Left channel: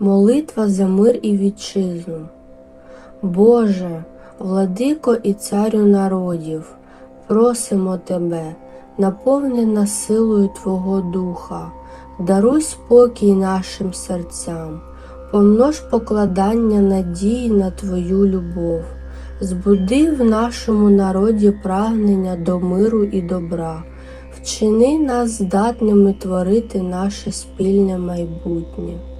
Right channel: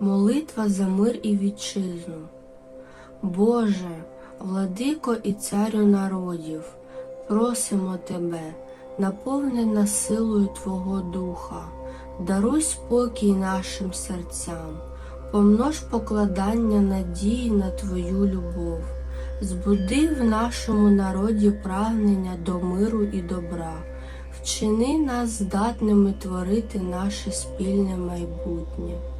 Молитва за мир і вітчизну. Боже, владико і царю народів, просимо Тебе, наповни нас силою Твого Духа, даруй спокій нашим серцям, помнож покладання надії на Твою любов, збуди в нашому народі прагнення до миру і добра, вчини нас здатними творити наше спільне майбутнє.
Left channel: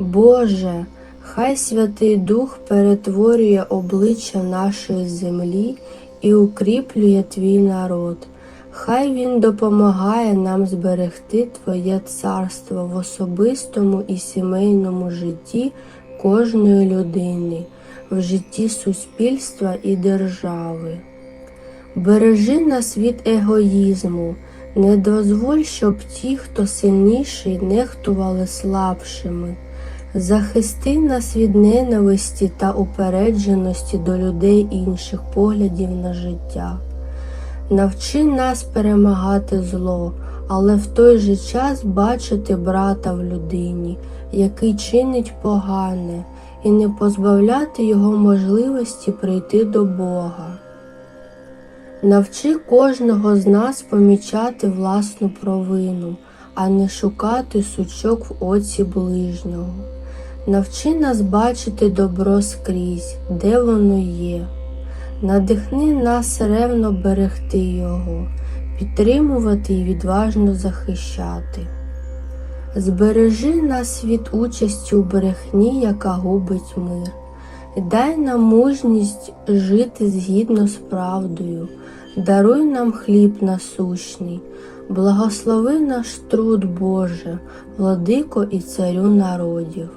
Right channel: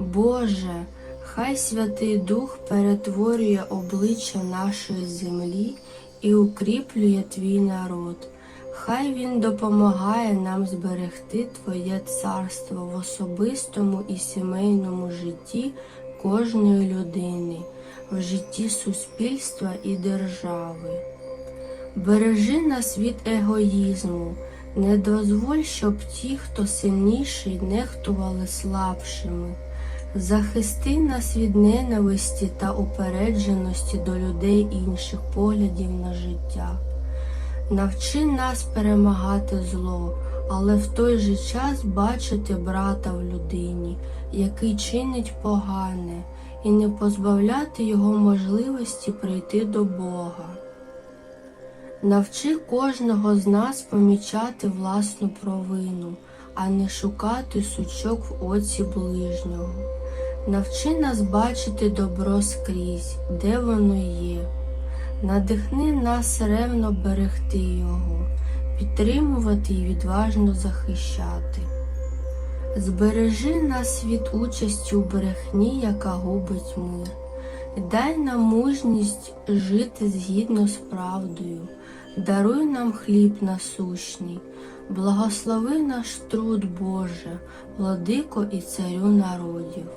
Боже, хай Святий Дух перетворює обличчя нашої землі і укріплює Твій народ. Хай Він допомагає нам зберегти Твоє царство в особистому і сімейному житті кожної людини, в житті суспільства і держави. Бережи нас від егоїзму, не дозволь, щоб ті, хто сильніший, нехтували слабшими. Захисти нас від ненависті та упередженості до людей інших поглядів на життя. Навчи нас перемагати зло, але в той же час бачити брата в людині, який чинить погане, і не позбавляти його можливості прийти до Бога. Навчи кожного з нас помічати власну провину, а не шукати сучок в оці ближнього. Навчи нас бачити добро скрізь, де воно є. Надихни нас ревно берегти його, підтримувати і відважно захищати. Збережи нас від участі у брехні, яка губить мир. Дай нам мужність жити згідно з правдою, даруй нам хліб насущний, благослови наш труд Боже, владико і царю народів.